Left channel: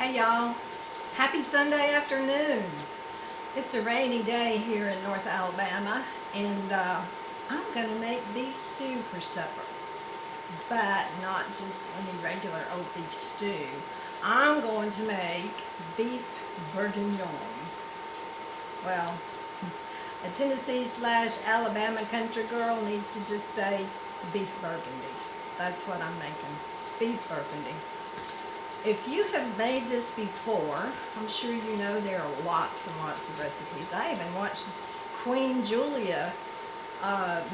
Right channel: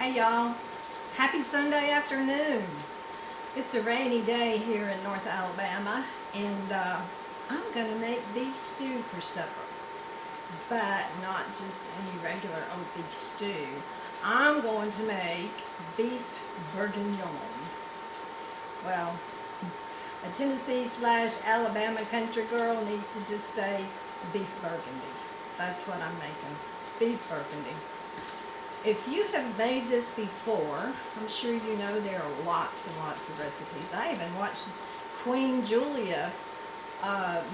Hey y'all, happy Sunday afternoon. It's a rainy day here in North Alabama and I'm gonna make beef stew for supper, but not just any regular old beef stew. I'm going to make beef bourguignon. Well, a Tennessee/Alabama country girl needs to just say beef burgundy. That's what I'm making, beef burgundy. If you have made this before, I'm sure you know there are lots and lots of recipes. I even watched Queen Julia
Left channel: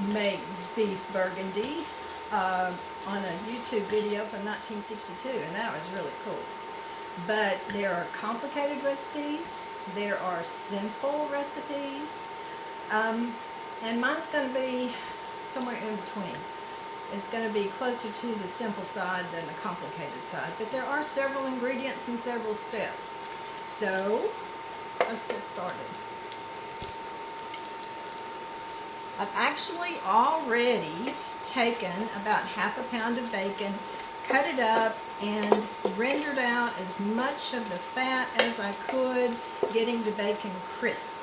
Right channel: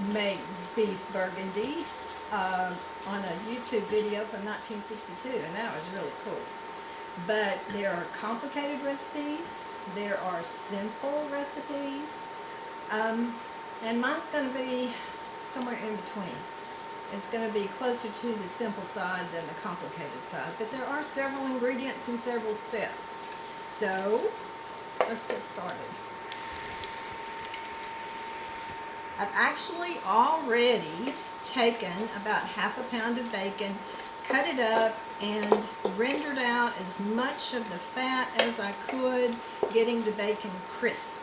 make beef burgundy on a YouTube video from 1962, and that was really cool. But there are complicated recipes, there are simple recipes, and mine's going to be somewhere in between. It's going to be closer to the simple side than the complicated side, but there are several ingredients and several steps. So let's get started. I've actually already taken about half a pound of bacon, cut it up, and rendered out as much of the fat as I could, getting the bacon crisp.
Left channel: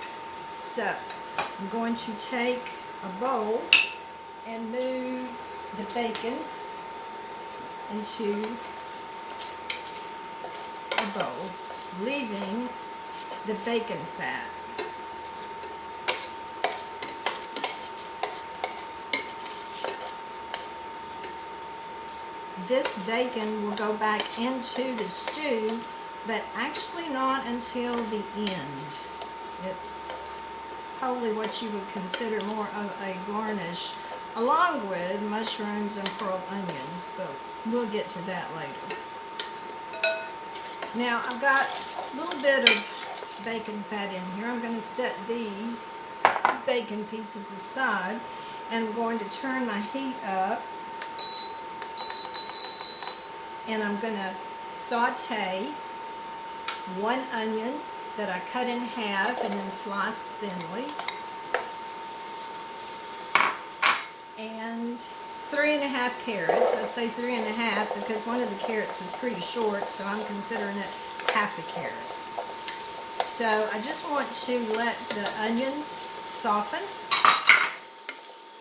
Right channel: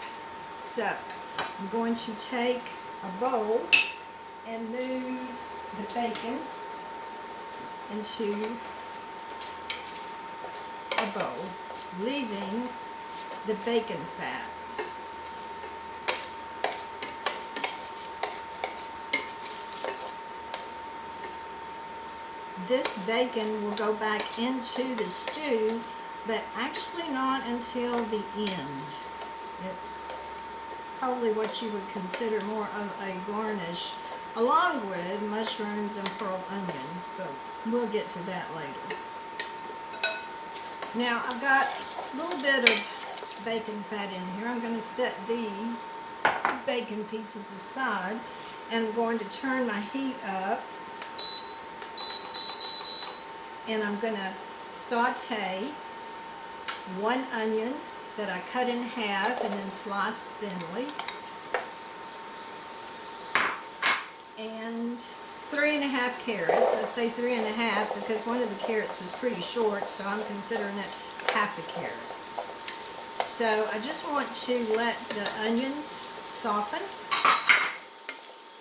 So I'm going to take a bowl and move the bacon into a bowl, leaving the bacon fat. This bacon will go back into the stew, but actually not until the end. It's probably what you would consider more of a garnish, along with mushrooms and pearl onions, but we'll get to that later. Now, I've got a little bit of bacon fat in here. I'm going to set these bacon pieces aside, and I'm going to turn my heat up, and I'm going to saute one onion that I cut in half and then sliced thinly, and 3½ carrots. I say 3½ because one of the carrots was pretty short, so I'm considering it half a carrot. So I just want to let the onions soften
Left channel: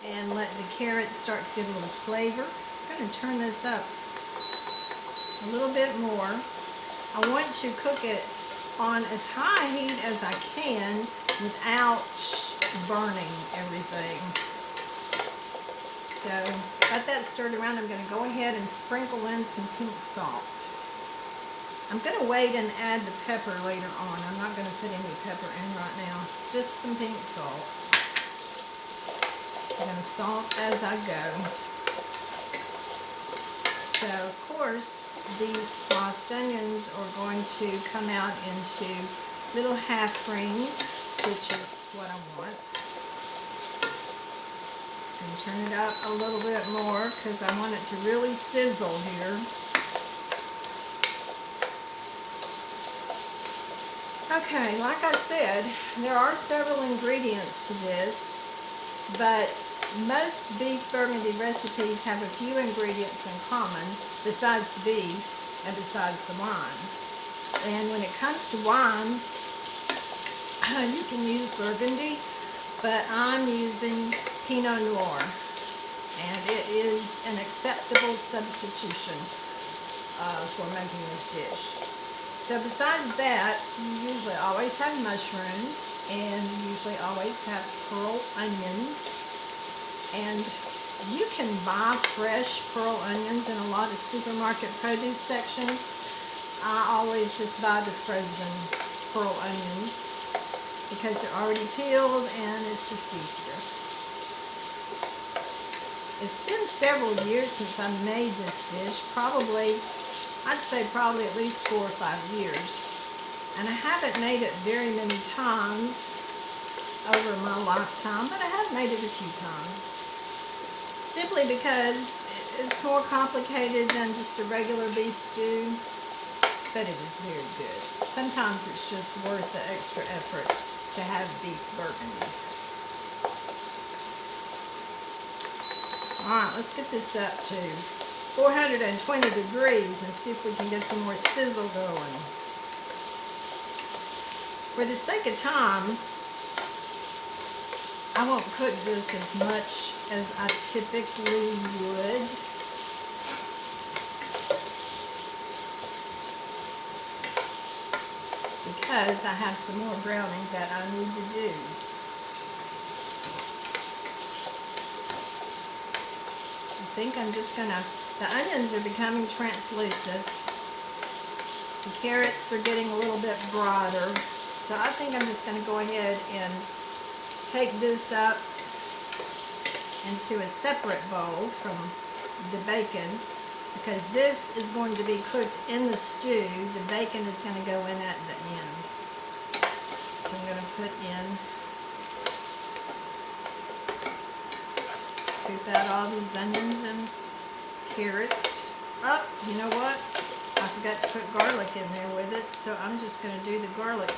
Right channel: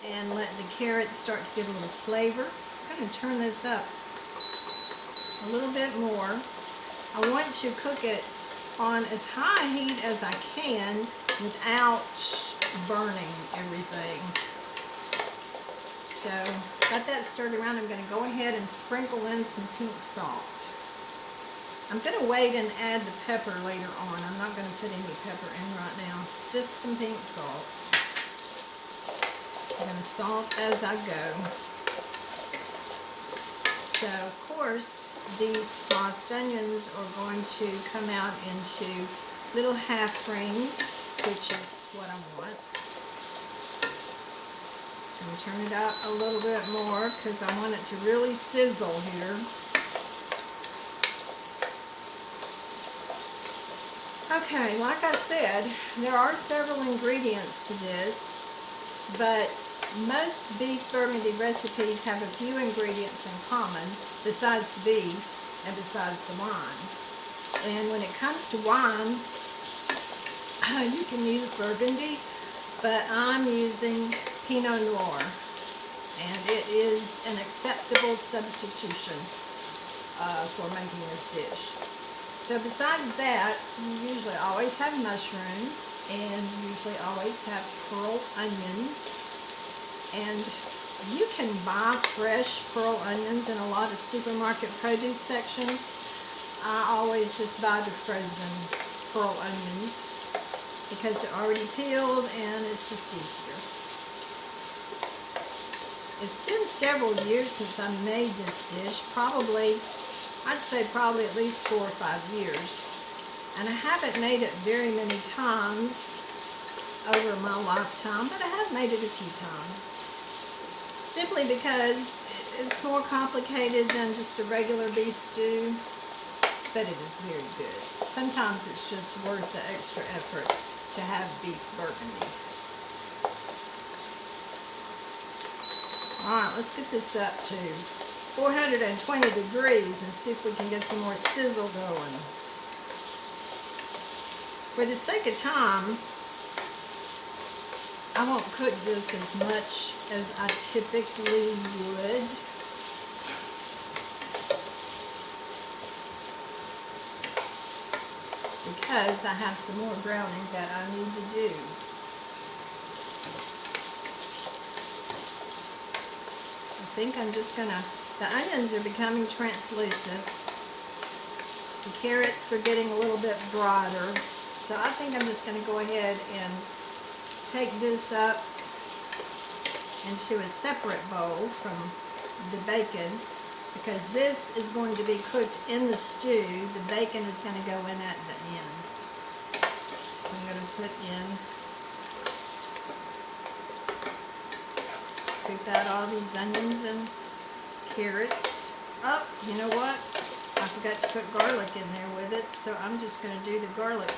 and let the carrots start to get a little flavor. I'm going to turn this up a little bit more. I want to cook it on as high heat as I can without burning everything. So, got that stirred around. I'm going to go ahead and sprinkle in some pink salt. I'm going to wait and add the pepper later on. I'm not going to put any pepper in right now. Just some pink salt. I'm going to salt as I go. So, of course, these sliced onions are going to come out into little half rings, which is what I want. And turn it up a little bit more because I want it to really sizzle here. Okay, like I said, there are several ingredients to this, but most beef burgundy recipes have a few ingredients in common besides the beef and besides the wine. And when it comes to wine, you can use Burgundy, but I'm using Pinot Noir, and it is an acceptable substitution for making this dish. So besides that, you usually always have mushrooms, and you usually always have pearl onions, and you can buy fresh pearl onions in a lot of supermarket produce sections. I always just buy the frozen pearl onions because they're already peeled and it's just easier. It's been several years since I made this dish, I'd say probably at least 4 or 5 years. And I haven't made it very many times over my lifetime, but I have made it a few times. Simply because it's more complicated than just a regular beef stew, but it is very good. Sometimes it's just worth the extra effort to have beef burgundy. Alright, let's get this up to 420 degrees and see if we can get some more sizzle going. For the sake of time, I won't cook this as much as I typically would. Because I have some more browning that I need to do. I think I'm just gonna, the onions are becoming translucent. The carrots are getting a little bit broader. So I think I'm just gonna go ahead and take this up into a separate bowl from the bacon, because this is going to be cooked in the stew. The bacon is going to go in at the end. So I'm going to put in, scoop out all these onions and carrots. Oh, you know what? I forgot to put garlic in there with it, so I'm just going to do the garlic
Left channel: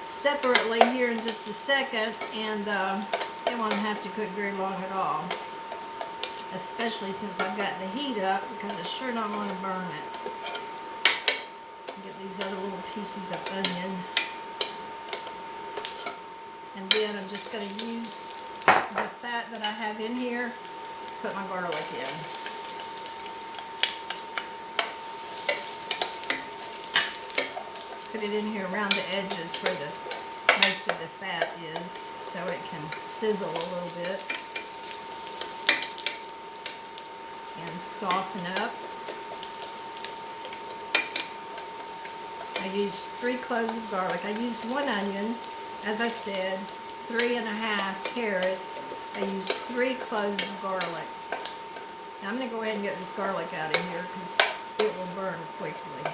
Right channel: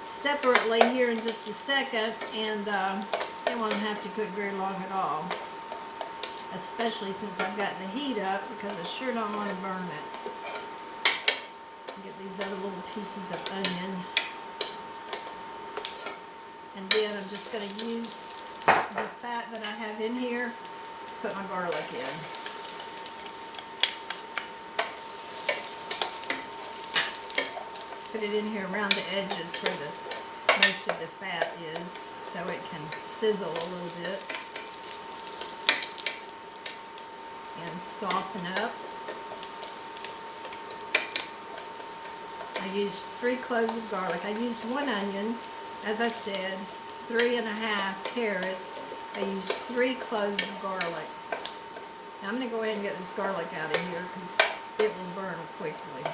separately here in just a second, and it won't have to cook very long at all. Especially since I've got the heat up, because I sure don't want to burn it. Get these other little pieces of onion. And then I'm just going to use the fat that I have in here, put my garlic in. Put it in here around the edges where the most of the fat is, so it can sizzle a little bit. And soften up. I used 3 cloves of garlic. I used 1 onion, as I said, 3½ carrots. I used 3 cloves of garlic. Now I'm going to go ahead and get this garlic out of here because it will burn quickly.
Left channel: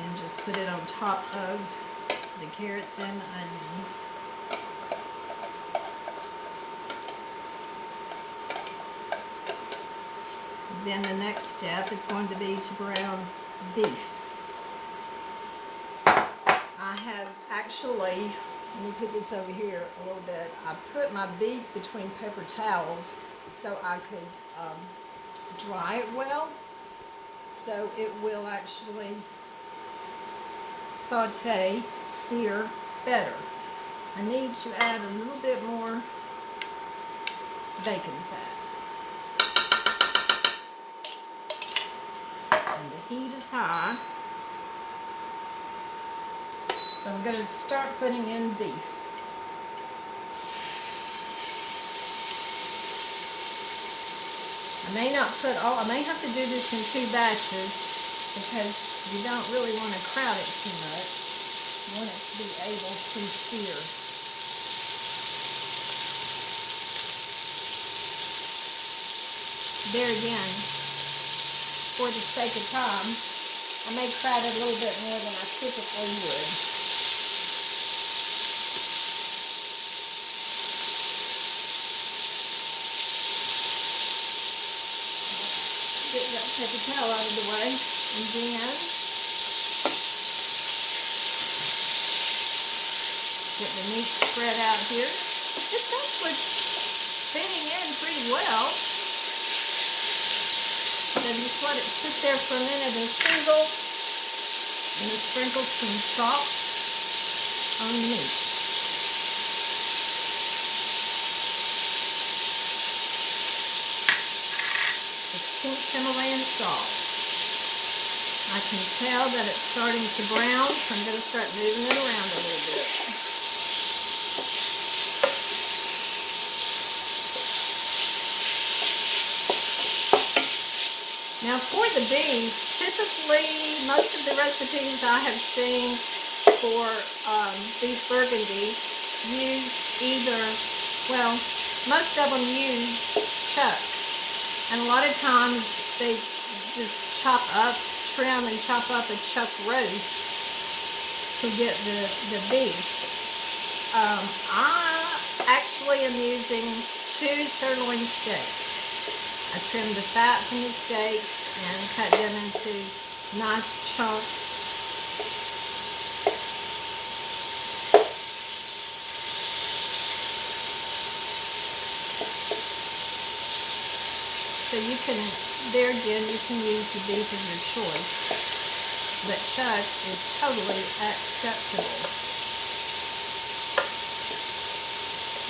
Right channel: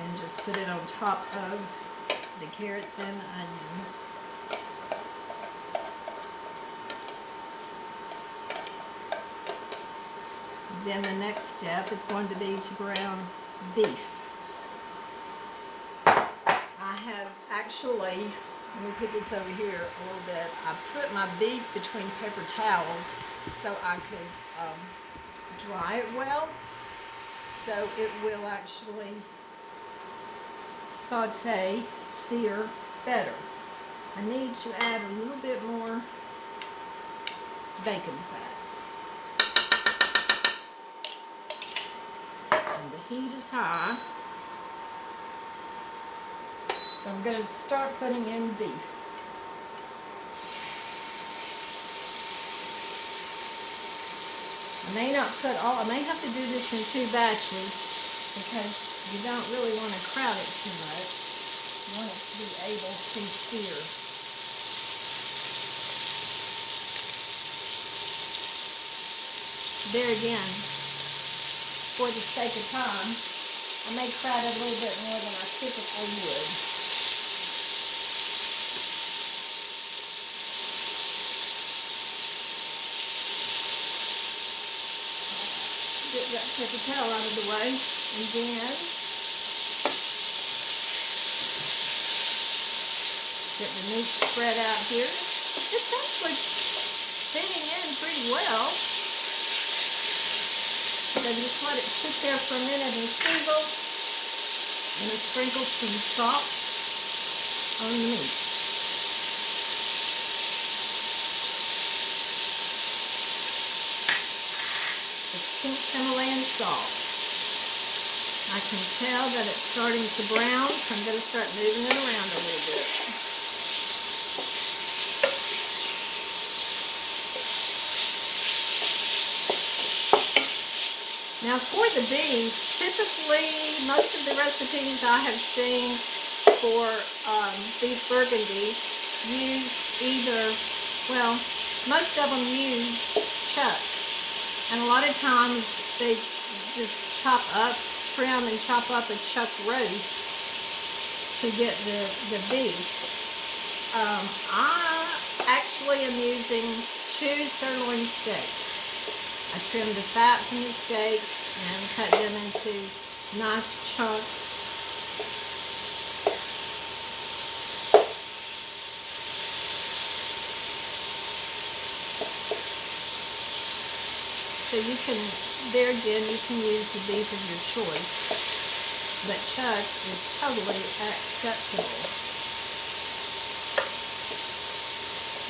And just put it on top of the carrots and the onions. Then the next step is going to be to brown beef. I have actually, let me put this over here a little bit, I put my beef between paper towels so I could dry it well, so it will actually sear better. I need to add a little bit more bacon fat. And the heat is high. So I'm going to start putting in beef. I may not put all, I may have to do this in 2 batches because you don't really want to crowd it too much. You want it to be able to sear. There again, for the sake of time, I may crowd it a little bit more than I typically would. Get that paper towel out of the way, and then get the meat spread out here. It's actually fitting in pretty well. So just let it sit there for a minute and sizzle, and then sprinkle some salt on the meat. It's pink Himalayan salt. I can tell that it's starting to brown, so I'm going to start moving it around a little bit. Now for the beef, typically most of the recipes I have seen for beef Burgundy use either, well, most of them use chuck. And a lot of times they just trim and chop up a chuck roast to get the beef. I actually am using 2 sirloin steaks. I trimmed the fat from the steaks and cut them into nice chunks. So you can, there again, you can use the beef of your choice. but chuck is totally acceptable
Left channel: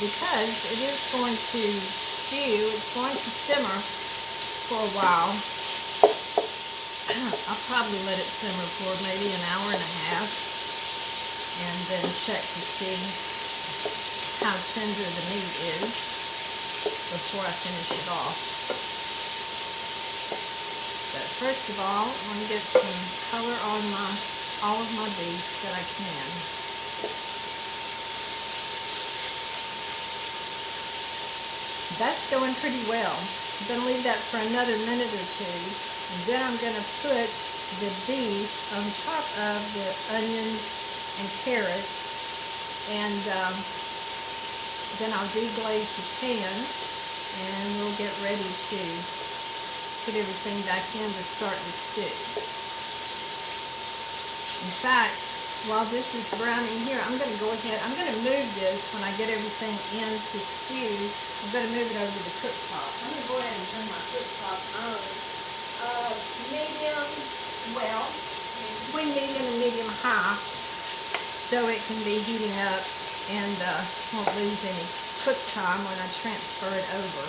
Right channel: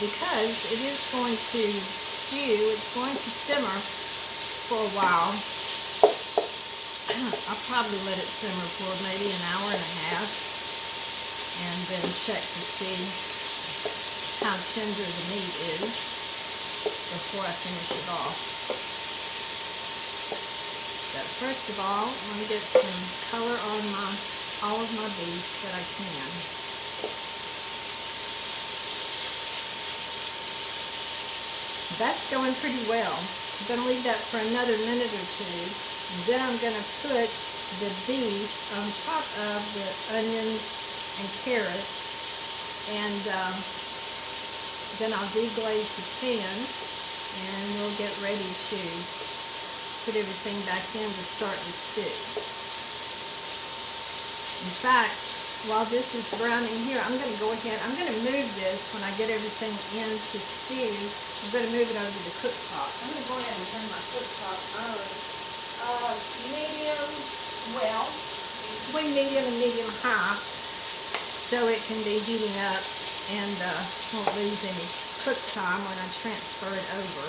because it is going to stew. It's going to simmer for a while. I'll probably let it simmer for maybe an hour and a half and then check to see how tender the meat is before I finish it off. But first of all, I want to get some color on all of my beef that I can. That's going pretty well. I'm going to leave that for another minute or two. And then I'm going to put the beef on top of the onions and carrots. And then I'll deglaze the pan and we'll get ready to put everything back in to start the stew. In fact, while this is browning here, I'm going to go ahead, I'm going to move this when I get everything in to stew. I'm going to move it over to the cooktop. I'm going to go ahead and turn my cooktop on. Medium, well, between medium and medium high, so it can be heating up and won't lose any cook time when I transfer it over.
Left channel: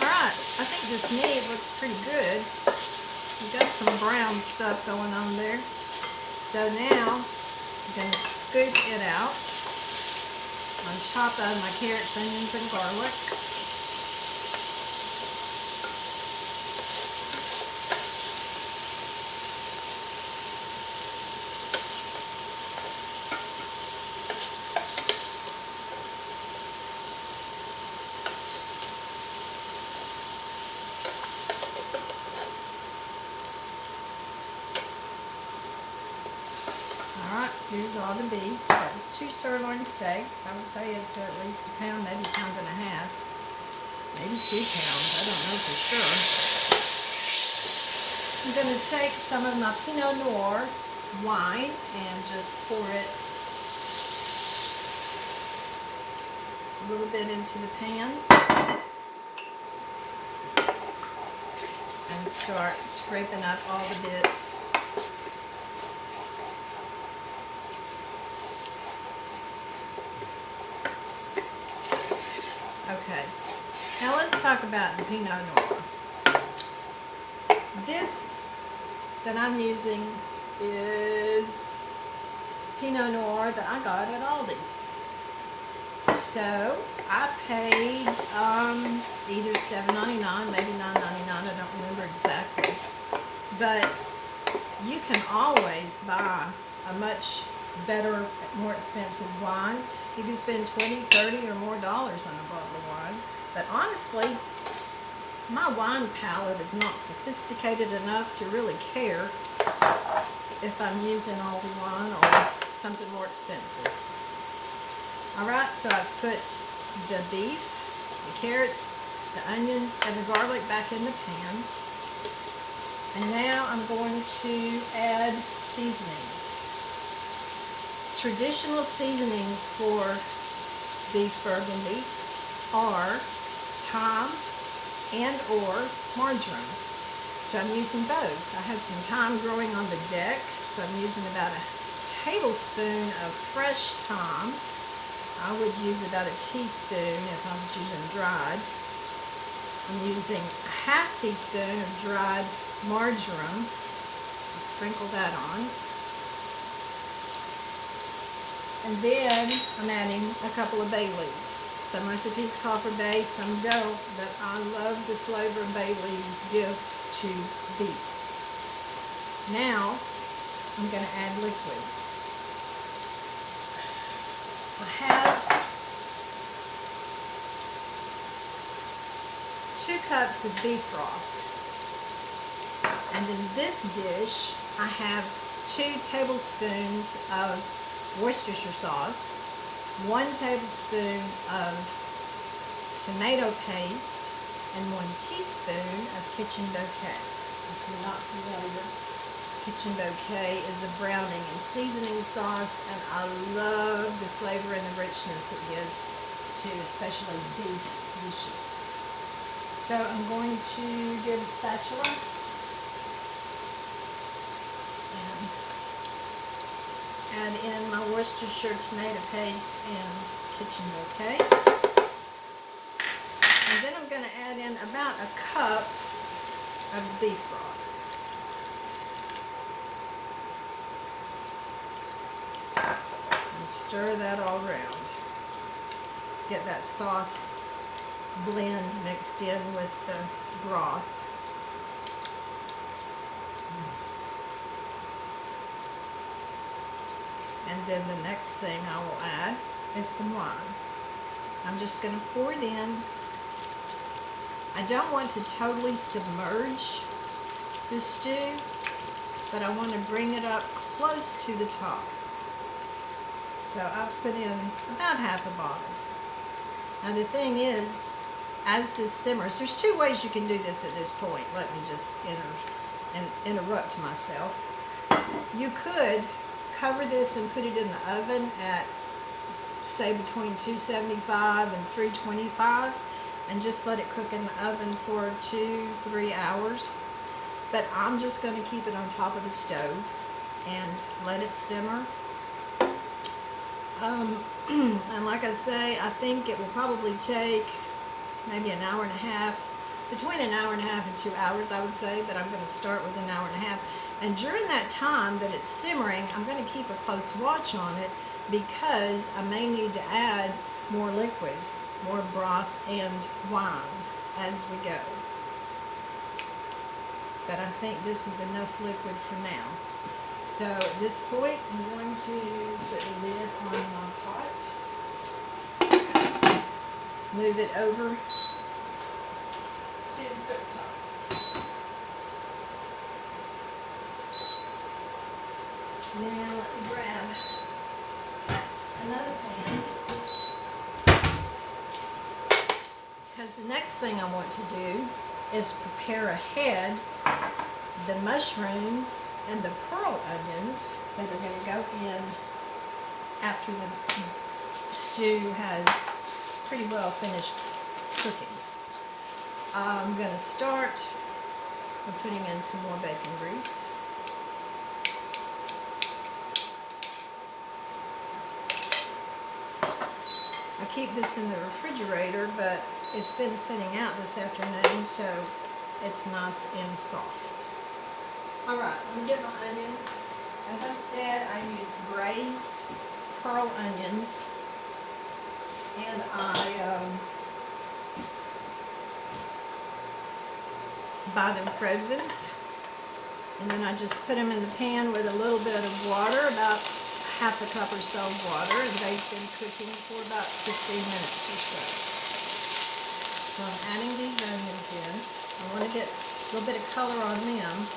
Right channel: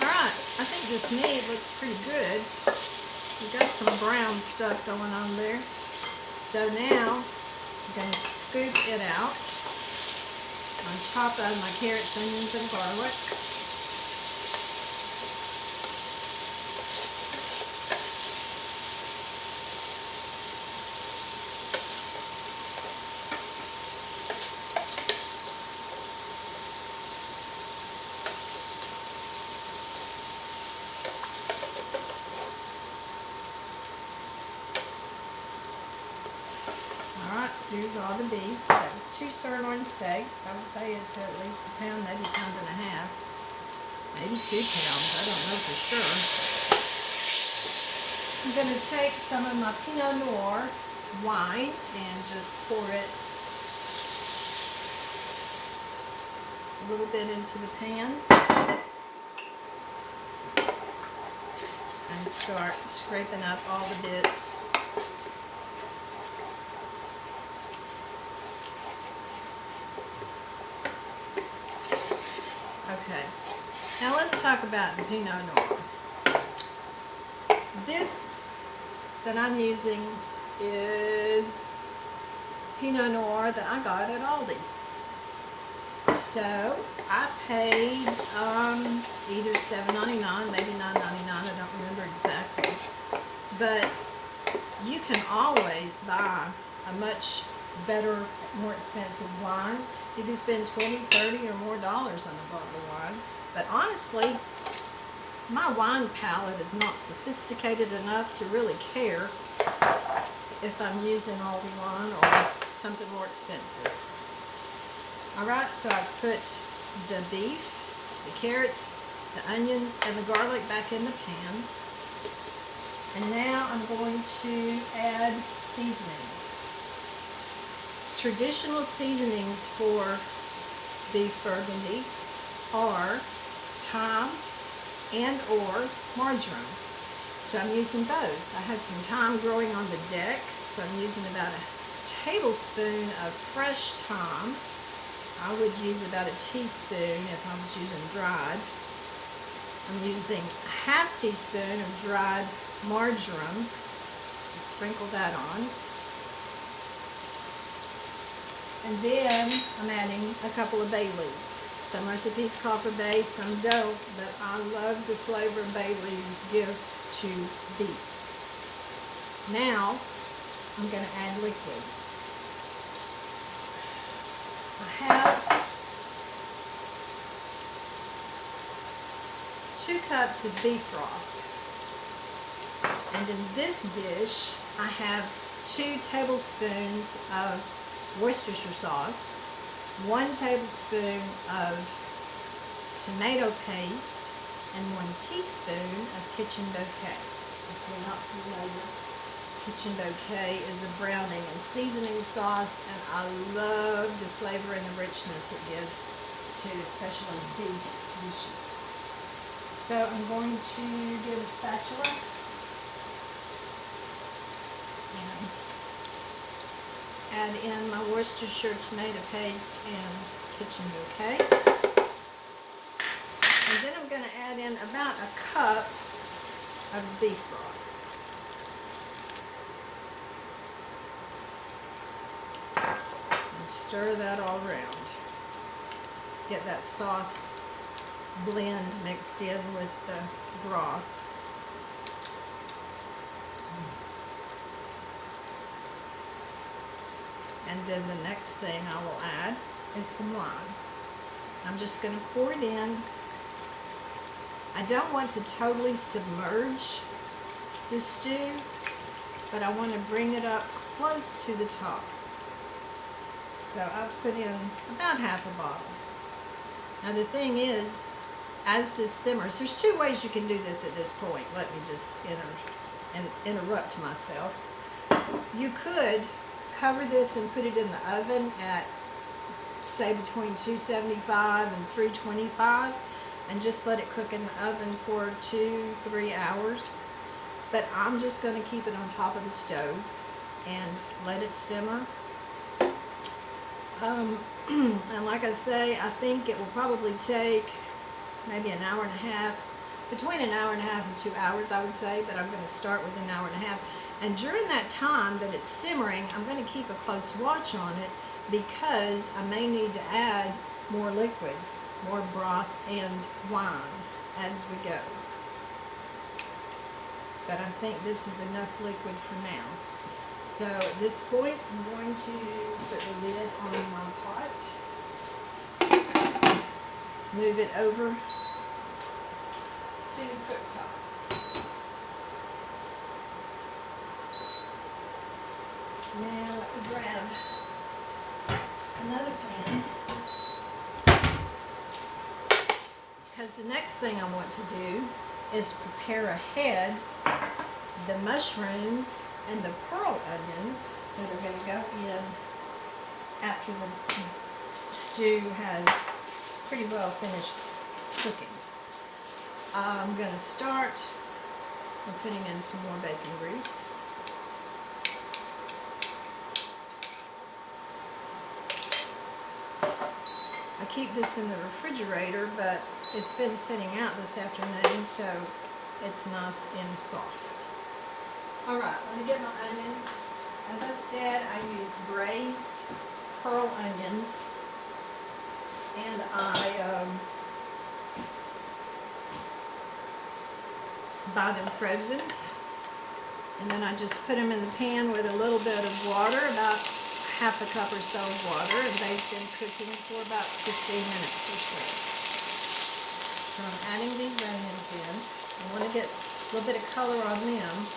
Alright, I think this meat looks pretty good. We've got some brown stuff going on there. So now I'm going to scoop it out on top of my carrots, onions, and garlic. Alright, here's all the beef. That was 2 sirloin steaks. I would say it's at least a pound, maybe a pound and a half. Maybe 2 pounds. I don't know for sure. I'm going to take some of my Pinot Noir wine and just pour it a little bit into the pan. And start scraping up all the bits. Okay, now let's talk about the Pinot Noir. This that I'm using is Pinot Noir that I got at Aldi. So I paid either $7.99, maybe $9.99, I don't remember exactly. But you can always buy a much better, more expensive wine. You can spend $20, $30 or more dollars on a bottle of wine. But honestly, my wine palate is not sophisticated enough to really care if I'm using Aldi wine or something more expensive. Alright, so I put the beef, the carrots, the onions, and the garlic back in the pan. And now I'm going to add seasonings. Traditional seasonings for beef Burgundy are thyme and or marjoram. So I'm using both. I had some thyme growing on the deck, so I'm using about a tablespoon of fresh thyme. I would use about a teaspoon if I was using dried. I'm using a half teaspoon of dried marjoram. Just sprinkle that on. And then I'm adding a couple of bay leaves. Some recipes call for bay, some don't, but I love the flavor bay leaves give to beef. Now I'm going to add liquid. I have 2 cups of beef broth. And in this dish, I have 2 tablespoons of Worcestershire sauce, 1 tablespoon of tomato paste, and 1 teaspoon of kitchen bouquet. If you're not familiar, kitchen bouquet is a browning and seasoning sauce, and I love the flavor and the richness it gives to especially beef dishes. So I'm going to get a spatula add in my Worcestershire tomato paste and kitchen bouquet. And then I'm going to add in about a cup of beef broth. And stir that all around. Get that sauce blend mixed in with the broth. And then the next thing I will add is some wine. I'm just going to pour it in. I don't want to totally submerge the stew, but I want to bring it up close to the top. So I've put in about half a bottle. Now the thing is, as this simmers, there's two ways you can do this at this point. Let me just interrupt myself. You could cover this and put it in the oven at, say, between 275 and 325 and just let it cook in the oven for 2-3 hours. But I'm just going to keep it on top of the stove and let it simmer. And like I say, I think it will probably take maybe an hour and a half, between an hour and a half and 2 hours, I would say, but I'm going to start with an hour and a half. And during that time that it's simmering, I'm going to keep a close watch on it because I may need to add more liquid, more broth and wine as we go. But I think this is enough liquid for now. So at this point, I'm going to put the lid on my pot, move it over to the cooktop. Now let me grab another pan, because the next thing I want to do is prepare ahead the mushrooms and the pearl onions that are going to go in after the stew has pretty well finished cooking. I'm going to start with putting in some more bacon grease. I keep this in the refrigerator, but it's been sitting out this afternoon, so it's nice and soft. Alright, let me get my onions. As I said, I use braised pearl onions, and I buy them frozen, and then I just put them in the pan with a little bit of water, about half a cup or so of water, and they've been cooking for about 15 minutes or so. So I'm adding these onions in. I want to get a little bit of color on them.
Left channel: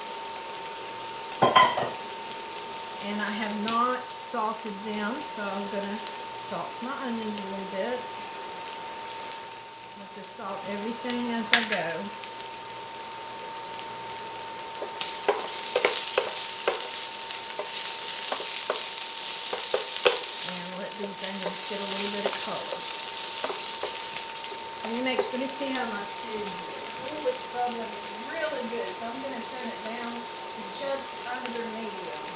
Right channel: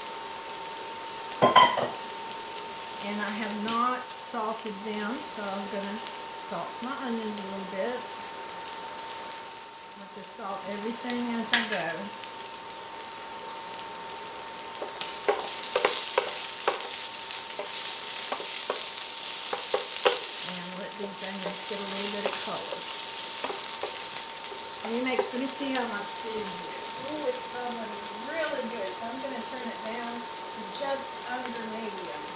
And I have not salted them, so I'm going to salt my onions a little bit. I'll just salt everything as I go. And let these onions get a little bit of color. Let me see how my stew is. Ooh, it's bubbling really good, so I'm going to turn it down to just under medium.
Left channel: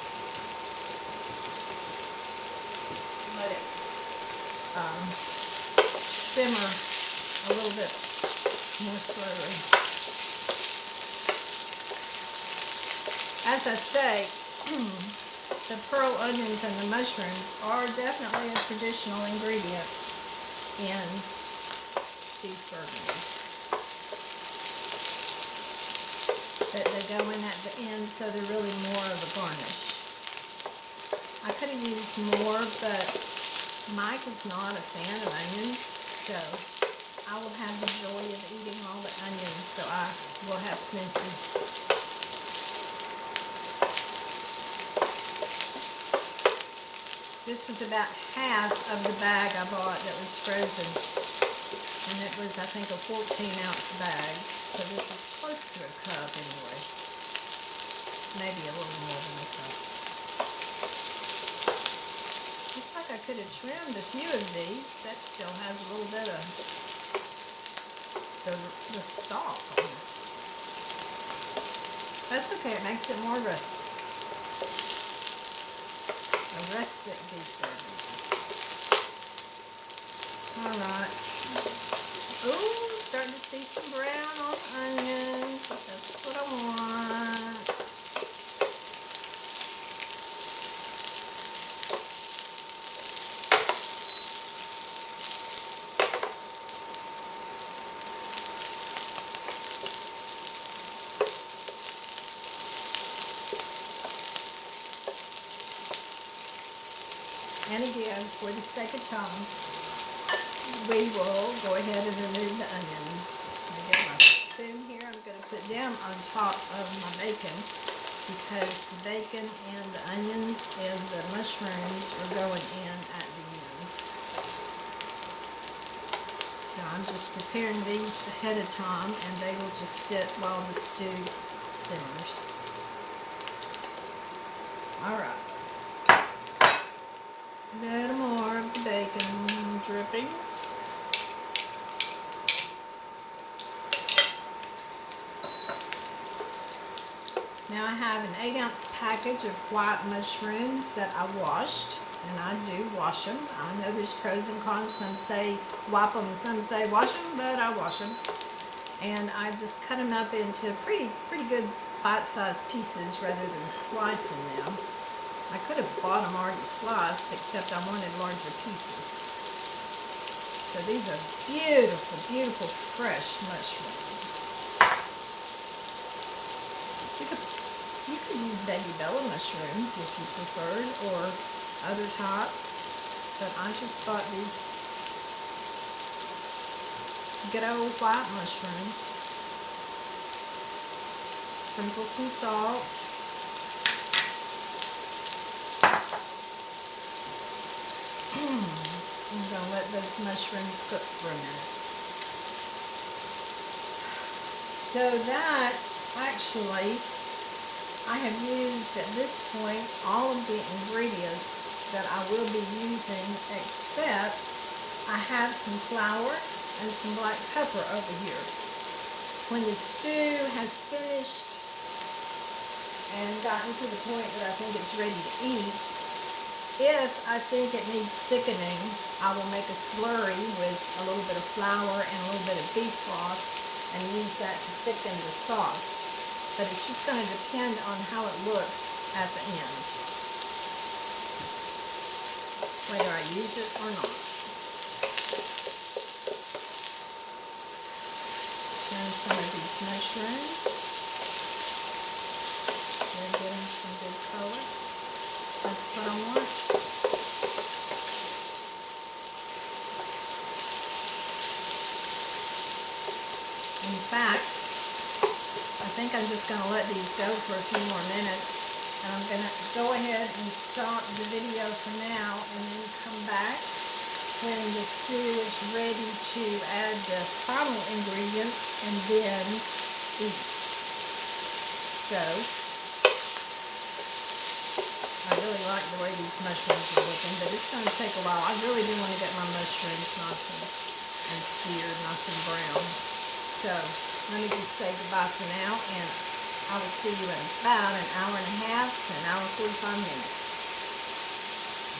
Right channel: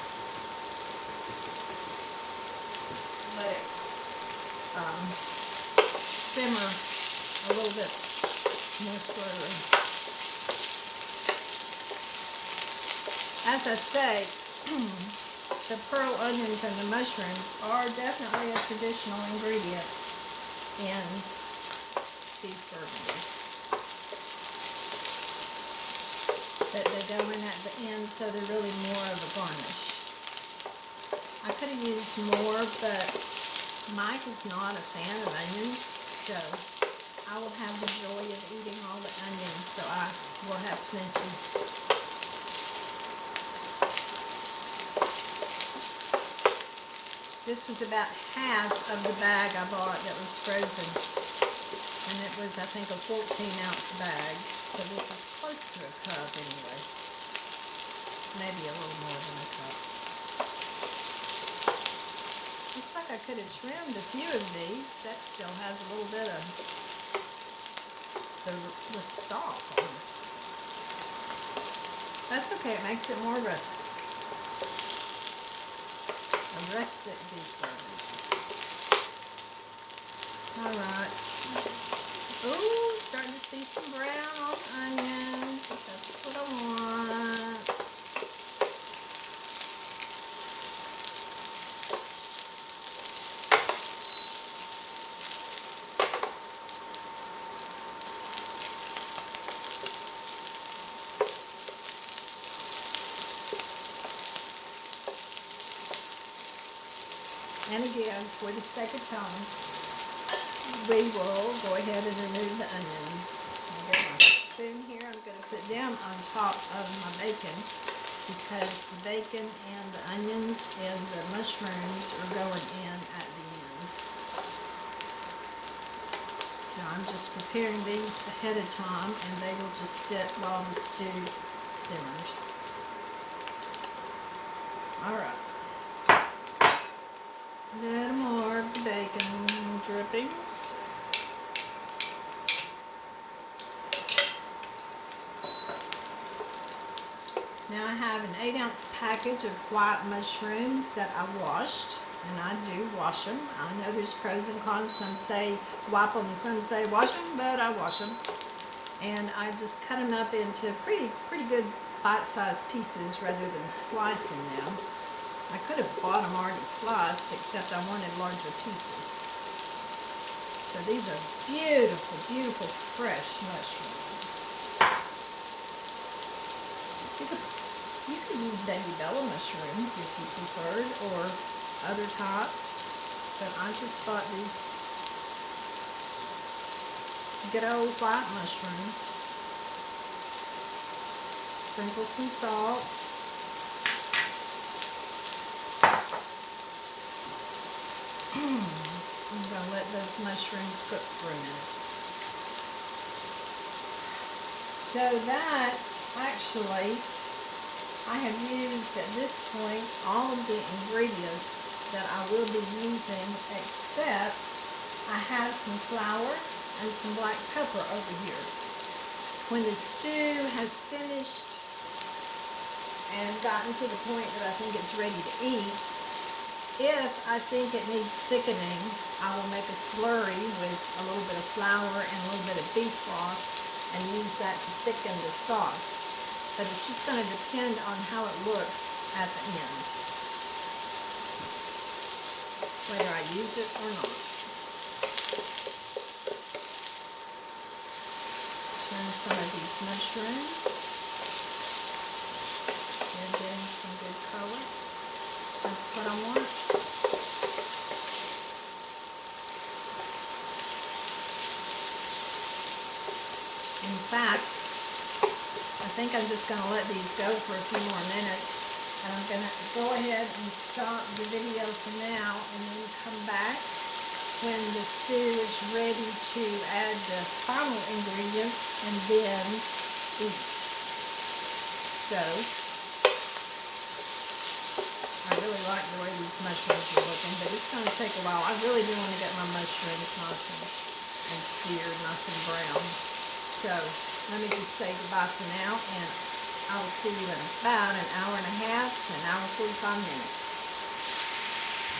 Let it simmer a little bit more slowly. As I say, the pearl onions and the mushrooms are definitely a traditional ingredient in beef Burgundy. But they go in at the end, so they're really more of a garnish. I could have used more, but Mike is not a fan of onions, so I will have the joy of eating all the onions, so I will have plenty. This was about half of the bag I bought that was frozen, and it was, I think, a 14-ounce bag, so this is close to a cup anyway, maybe a little more than a cup. Looks like I could have trimmed a few of these. That still has a little bit of the stalk on it. That's okay, it makes it more rustic. A rustic beef Burgundy. Alright. Ooh, starting to see some brown on onions. That's what I want. And again, for the sake of time, we will go ahead and remove the onions. I'm going to get my spoon here. I'm going to put them on top of my bacon because the bacon and the onions and the mushrooms are going in at the end. So I'm just preparing these ahead of time, and they will just sit while the stew simmers. All right. A little more of the bacon drippings. Now I have an 8-ounce package of white mushrooms that I washed, and I do wash them. I know there's pros and cons. Some say wipe them, some say wash them, but I wash them. And I just cut them up into pretty good bite-sized pieces rather than slicing them. I could have bought them already sliced, except I wanted larger pieces. So these are beautiful, beautiful fresh mushrooms. You could use baby bella mushrooms if you preferred, or other types, but I just bought these good old white mushrooms. Sprinkle some salt. I'm going to let those mushrooms cook for a minute. So that, actually, I have used at this point all of the ingredients that I will be using, except I have some flour and some black pepper over here. When the stew has finished and gotten to the point that I think it's ready to eat, if I think it needs thickening, I will make a slurry with a little bit of flour and a little bit of beef broth and use that to thicken the sauce. But it's just going to depend on how it looks at the end, whether I use it or not. Turn some of these mushrooms. They're getting some good color. That's what I want. In fact, I think I'm just going to let these go for a few more minutes, and I'm going to go ahead and stop the video for now and then come back when the stew is ready to add the final ingredients and then eat. So, I really like the way these mushrooms are looking, but it's going to take a while. I really do want to get my mushrooms nice and seared, nice and brown. So, let me just say goodbye for now, and I will see you in about an hour and a half to an hour and 45 minutes.